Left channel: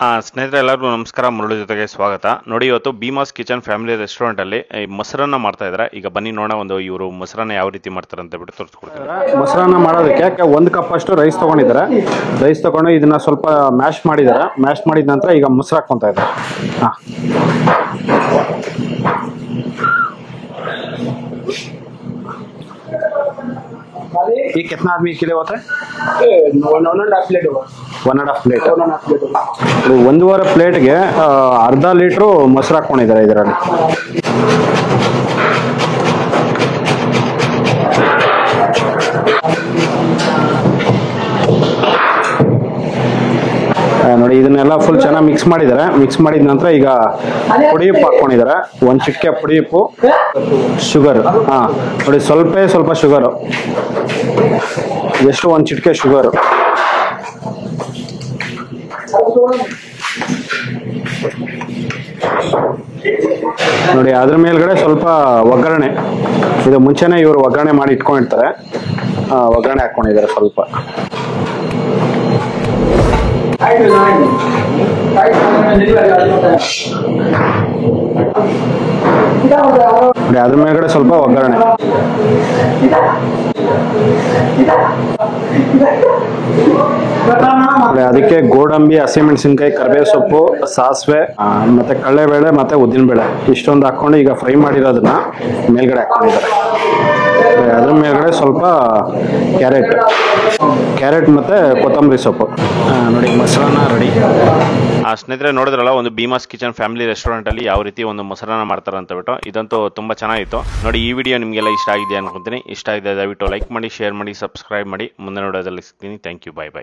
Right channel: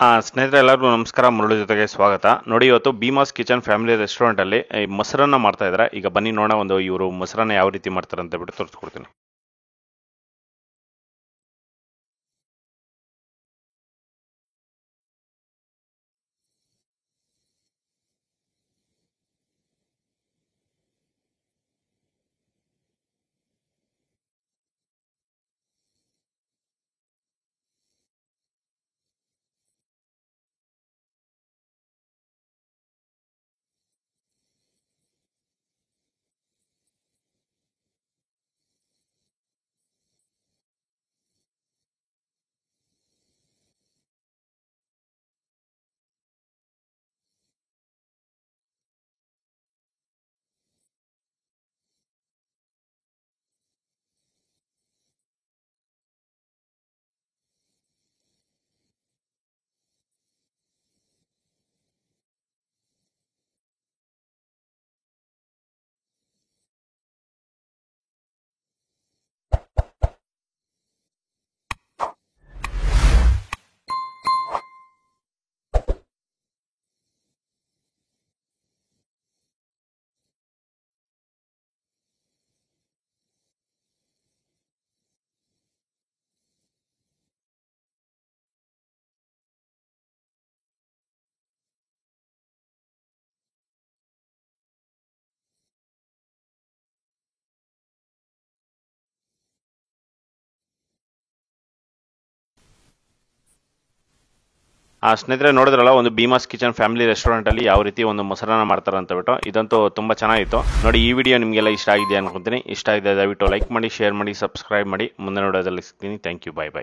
ಸ್ನೇಹಿತರೆ ಎಲ್ಲರಿಗೂ ನಮಸ್ಕಾರ. ಮುರಳಿ ಜೊತೆಗೆ ಸ್ವಾಗತ. ನೋಡಿ, ಇವತ್ತು ಭೀಮಾಸ್ ಕಿಚನ್ ಫ್ಯಾಮಿಲಿ ರೆಸ್ಟೋರೆಂಟಲ್ಲಿ ಮೊಸರನ್ನ ಮಾಡ್ತಾ ಇದ್ದಾರೆ. ಈಗ ಬನ್ನಿ ನೋಡೋಣ ಒಂದು ಇವರು ಮೊಸರನ್ನ ಯಾವ ರೀತಿ ಮಾಡ್ತಾರೆ ಅಂತ ಬಿಟ್ಟು ತೋರಿಸ್ಕೊಡ್ತೀನಿ. ಮೊಸರನ್ನ ಮಾಡೋದಕ್ಕೆ 1 ಕಪ್ ಅಷ್ಟು ರೈಸ್ ತೊಗೊಂಡಿದ್ದಾರೆ. ರೈಸ್ ತೊಗೊಂಡು ಇದನ್ನ ಸ್ವಲ್ಪ ಮ್ಯಾಶ್ ಮಾಡಿದ್ದಾರೆ. ಮ್ಯಾಶ್ ಮಾಡಿದ ನಂತರ ಈಗ ಮೊಸರು ಹಾಕ್ಕೊತಾ ಇದ್ದಾರೆ. ಹಾಂ, ये कितना आदमी के लिए होता है? 1.5 प्लेट होगा। 1.5 ಪ್ಲೇಟ್. 1.5 प्लेट होगा। 1.5 ಪ್ಲೇಟ್ಗೆ ಅರ್ಧ ಲೀಟ್ರು ಮೊಸರು ಹಾಕ್ಕೊಂಡಿದ್ದಾರೆ ಇದರಲ್ಲಿ. ನೋಡಿ, ಇದನ್ನೆಲ್ಲ ಫುಲ್ ಚೆನ್ನಾಗಿ ಮಿಕ್ಸ್ ಮಾಡಿದ್ದಾರೆ. ಮಿಕ್ಸ್ ಮಾಡಿದ ನಂತರ ಈಗ ಪುಡಿ ಉಪ್ಪು ಹಾಕ್ಕೊಂಡಿದ್ದಾರೆ. 1 ಚಿಟಿಕೆ ಪುಡಿ ಉಪ್ಪು, ಶುಗರ್. ಹಾಂ, ನೋಡಿ, ಸ್ವಲ್ಪ ಶುಗರು, ಎಷ್ಟು 1 ಚಿಟಿಕೆ ಶುಗರು. ನೋಡಿ, ಅದ್ರ ಮೇಲ್ಗಡೆ ಸ್ವಲ್ಪ ಒಗ್ಗರಣೆ. ಇದು ಮುಂಚೆನೇ ಇವರು ಒಗ್ಗರಣೆ ಮಾಡಿ ಇಟ್ಕೊಂಡಿರ್ತಾರೆ. ಒಗ್ಗರಣೆ ಹಾಕ್ಕೊಂಡಿದ್ದಾರೆ ಸ್ವಲ್ಪ. ನೋಡಿ, ಅದ್ರ ಮೇಲ್ಗಡೆ ಸ್ವಲ್ಪ ಒಗ್ಗರಣೆ. ಅದಕ್ಕೆ ಗೋಡಂಬಿ, ಹಸಿಮೆಣಸಿನ್ಕಾಯಿ, ಕರಿಬೇವು ಸೊಪ್ಪು, ಸಾಸಿವೆ, ಮತ್ತೆ ಕಡಲೆಬೇಳೆ ಮತ್ತೆ ಉದ್ದಿನಬೇಳೆ ಇಷ್ಟೊಂದು ಹಾಕೊಂಡು ಈಗ ಫ್ರೈ ಮಾಡಿರೋದನ್ನ ಮೇಲ್ಗಡೆ ಹಾಕೊಂಡಿದ್ದಾರೆ. ಅದ್ರ ಮೇಲ್ಗಡೆ ಸ್ವಲ್ಪ ಕ್ಯಾರೆಟ್ ಮತ್ತೆ ಕೊತ್ತಂಬರಿ ಸೊಪ್ಪು. ನೋಡಿ, ಮೊಸರನ್ನ ರೆಡಿ. ಸ್ನೇಹಿತರೆ ನೋಡಿದ್ರಲ್ಲ, ಒಂದು ಭೀಮಾಸ್ ಕಿಚನ್ ಫ್ಯಾಮಿಲಿ ರೆಸ್ಟೋರೆಂಟಲ್ಲಿ ಯಾವ ರೀತಿ ಒಂದು ಮೊಸರನ್ನ ಮಾಡ್ತಾರೆ ಅಂತ ಬಿಟ್ಟು. ಇದಂತೂ ತುಂಬ ಚೆನ್ನಾಗಿತ್ತು. ನೋಡಿ, ಈ ವಿಡಿಯೋ ನಿಮಗೆಲ್ಲ ಇಷ್ಟ ಆಗಿದೆ ಅನ್ಕೊಂತೀನಿ. ಇಷ್ಟ ಆಗಿದೆ ದಯವಿಟ್ಟು ಲೈಕ್ ಮಾಡಿ, ಶೇರ್ ಮಾಡಿ, ಸಬ್ಸ್ಕ್ರೈಬ್ ಮಾಡಿ. ಮುಂದೆ ನೋಡೋದಲ್ಲಿ ಸಿಗ್ತೀನಿ. Thank you. Bye bye.